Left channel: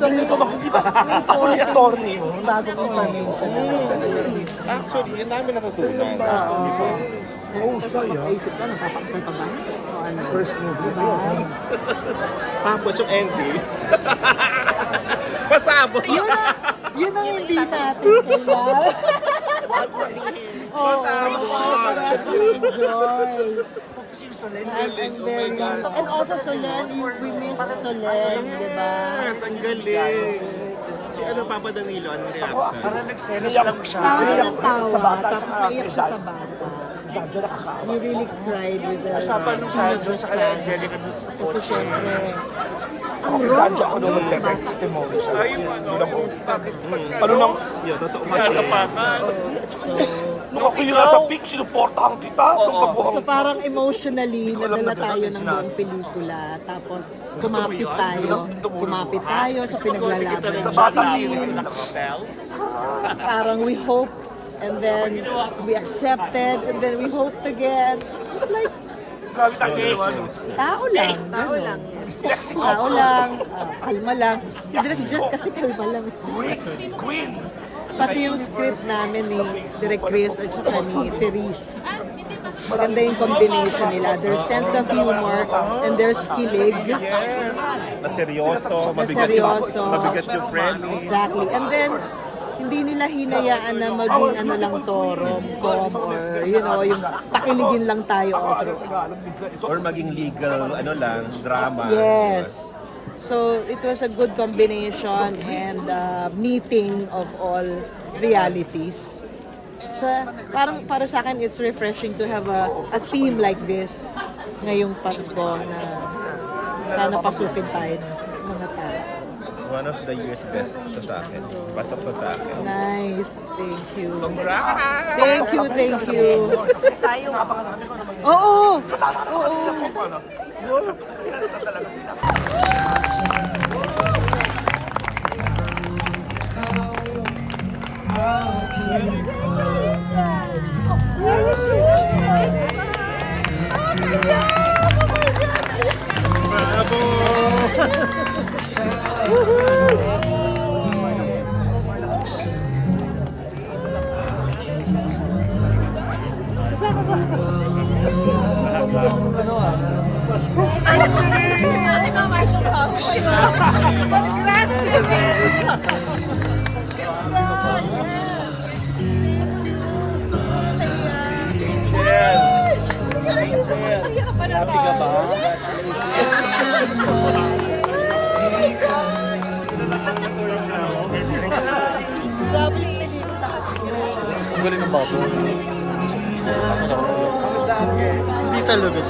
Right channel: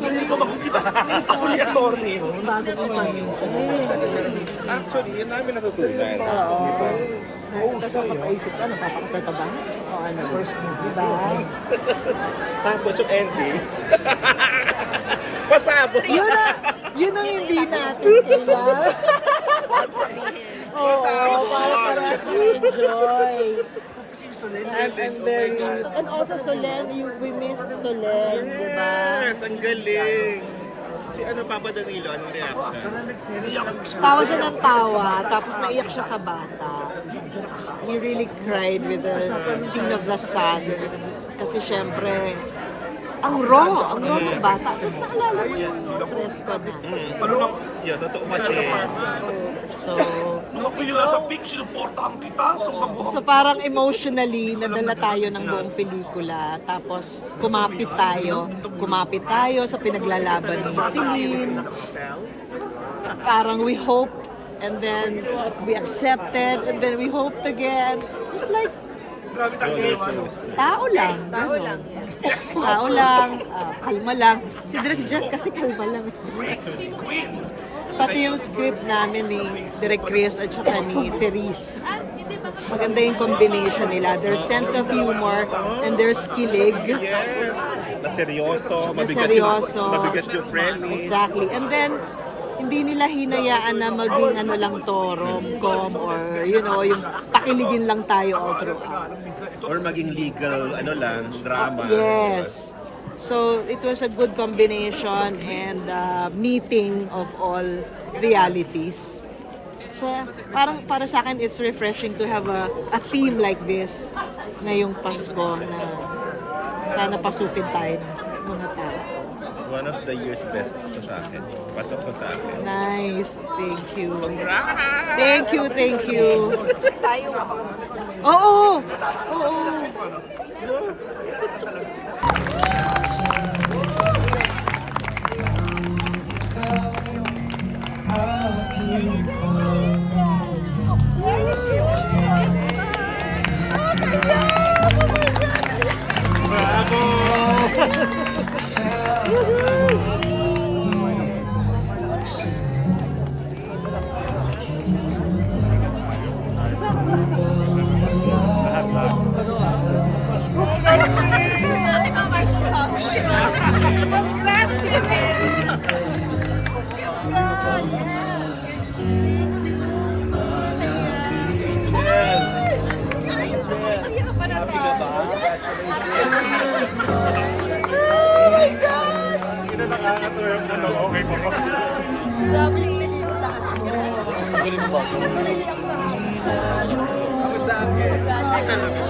Actually, may konting bagong information. Actually, yun namin natutunan. Oo. Tapos makaisip ka, napapakasal pa ba? O ano? First movie. Diba? Tapos yung ending, kasama. Yun ang hindi natin kailangan. Oo, para parehas na-enjoy. And also Solen, we missed Solen, di ba? Yes, ang galing. Ano pa ba, Danilo? Anong reaction? Parang nagselos lang siya. Tawa siya ng tawa, tapos naiyak siya sa bata. He really cried with the scene of the sun. Kasi syempre, ang raw ng bata. Tapos naalala ko yung dress code na. Ano nang Yeah, totoo kasi. So, nung ako yung nasa peak, sinuportahan kita. so parang emotionally, nadala tayo ng buong pelikula. Tapos kumapit tayo sa pinaglalaban ng scene. Parang we hoped, and then we accepted, and then we hoped again. It's like, tao lang, gano'n. Tao lang, kalma lang. Si Direk Jeff kasi kalma lang. Pati yung script namin ni Direk Chris at saka ni Feliz. Maganda yung combination nila. Their sense of humor and their skillig. Na seryoso, mabigat yung friend. Exactly. And then, hindi nila hinayaan na maging ano lang to, rom-com or you know, yung pakiligin lang tayo all throughout. Or maging legal, ano lang, drama. Yes. So, it was a good combination and meeting of all realities. So, parang para sa akin, it's refreshing to have a theme like this ngayong Pasko na sana pasukin tayo ng mga tao. One of the year's best sa akin. Pasok sa akin. Nice. Thank you. Thank you. Oo. Hindi talaga.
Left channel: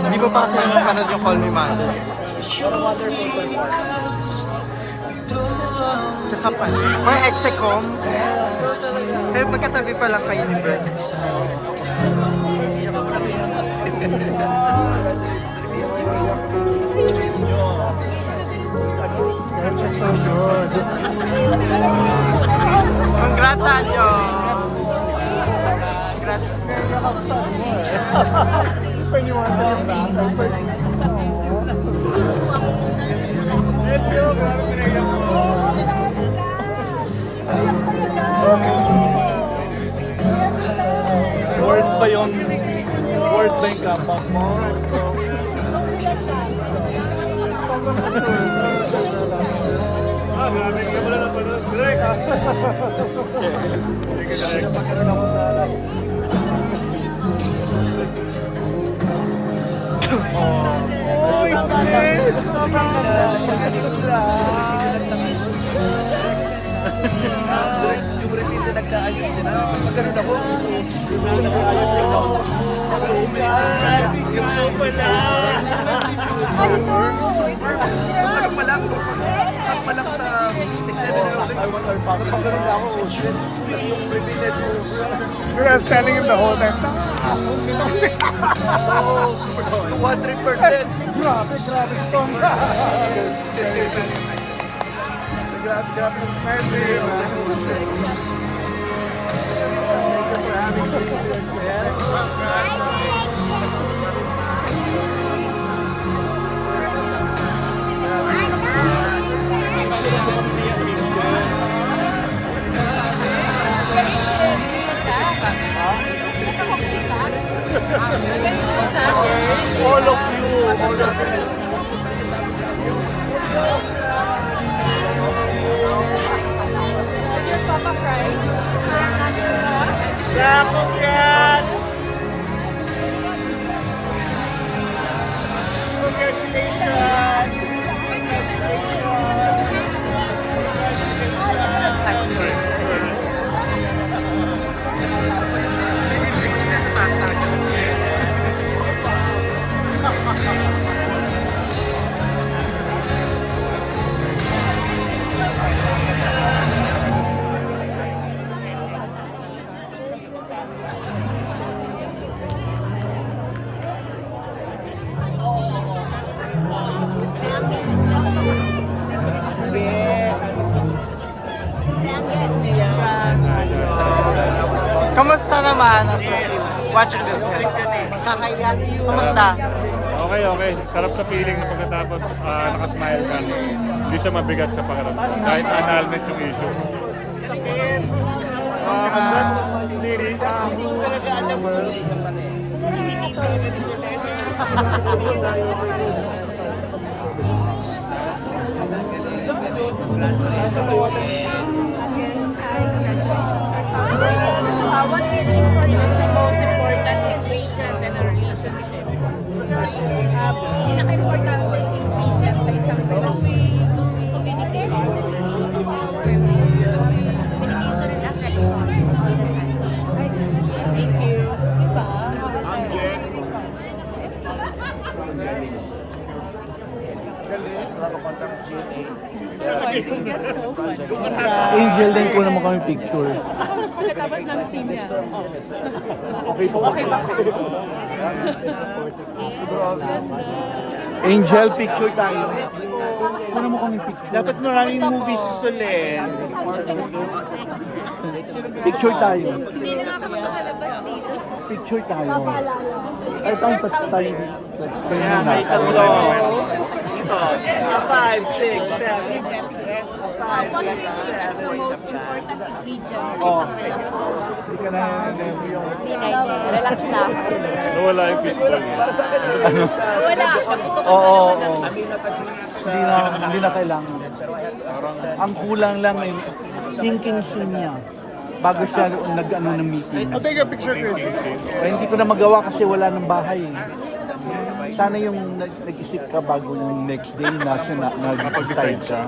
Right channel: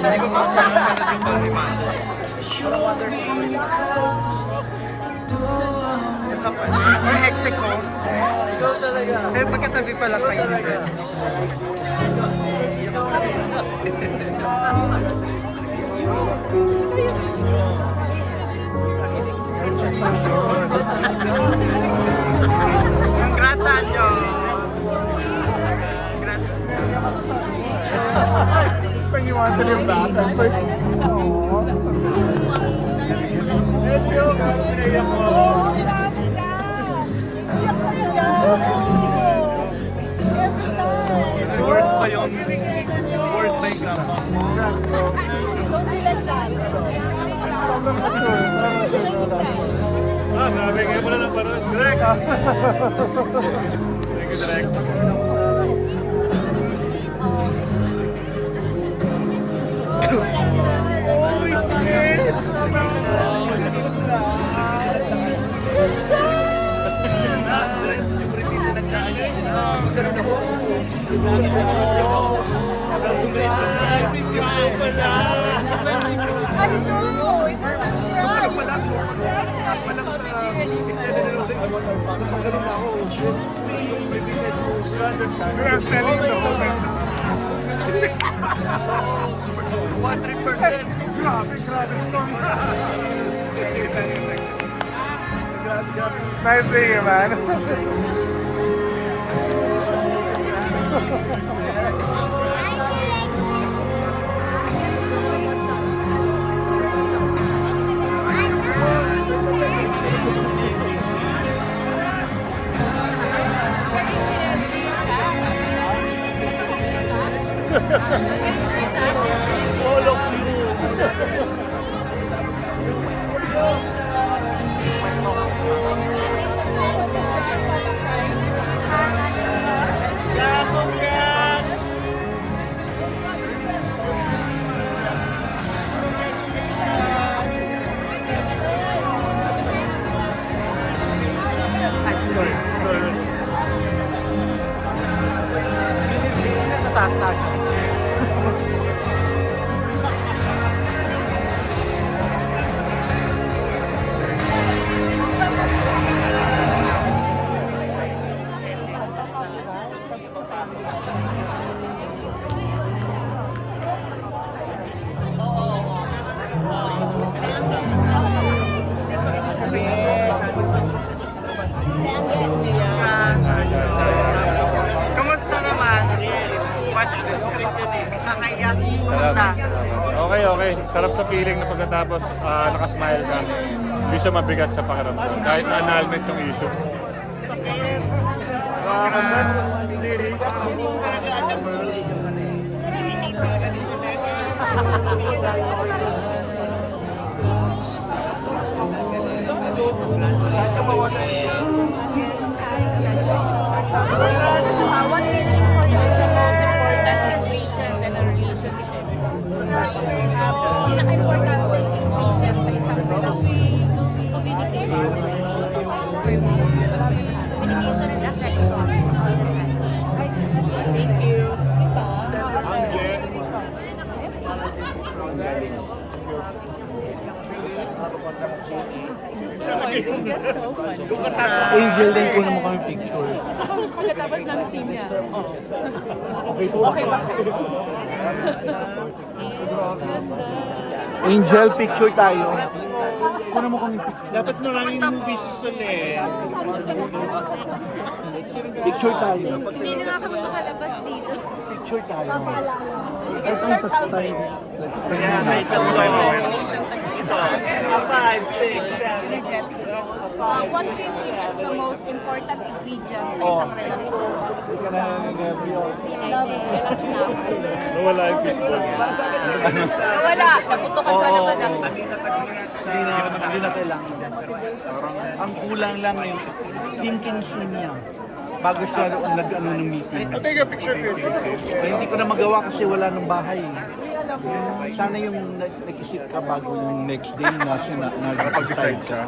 Hindi ko pa kasi napapanood yung Call Me Mother. Tsaka pa, mga ex-ecom. Kaya magkatabi pa lang kayo ni Bert. Congrats, Anjo! Congrats. Pag-iwasan yung Worth ba yun? Worth ba yung gamot? Grabe kayo pala ng panood. Direct! Thank you, Direct. I know! It was We were standing in the whole time. 100%. Grabe, strong. Nice seeing you, man. Kamusta naman after watching this film? Kakaiyak. Kamusta? Okay, okay. Sarap sa feeling na pagkatapos nakasmile ka. Hindi siya mabigat sa pakiramdam. Kahit annulment yung issue. Congrats, Lily. What do you think for you is the most important ingredient in a relationship? Pinaka-importante ingredient sa isang relasyon. Communication. Communication and affection all the time. Thank you. Angel, din ko naman kami picture. Pagkatapos ng scene niya. Okay po. Okay ba? Angel, picture tayo. Kuha mo kami picture. Dapat maraming movies sa Solen. Picture tayo. Hindi na nga kami makalabas dito. Picture tayo. Ay, tayo tayo. Tayo muna. What do you think is the most important ingredient sa isang relasyon? Relax na ako. Nawala yung fishball. Wala, naputukan pa naman ako. Hindi na kailangan. Parang ang kulang lang eh, thinking scene niya bago siya nag-ano ng meeting. Ay, hindi ko na magawa kasi wala ng bahay. Sana yung nag-isip ka bago yung next day na siya nag-decide siya.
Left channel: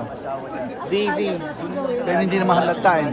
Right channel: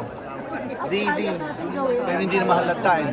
Zizi. Pero hindi naman halata eh.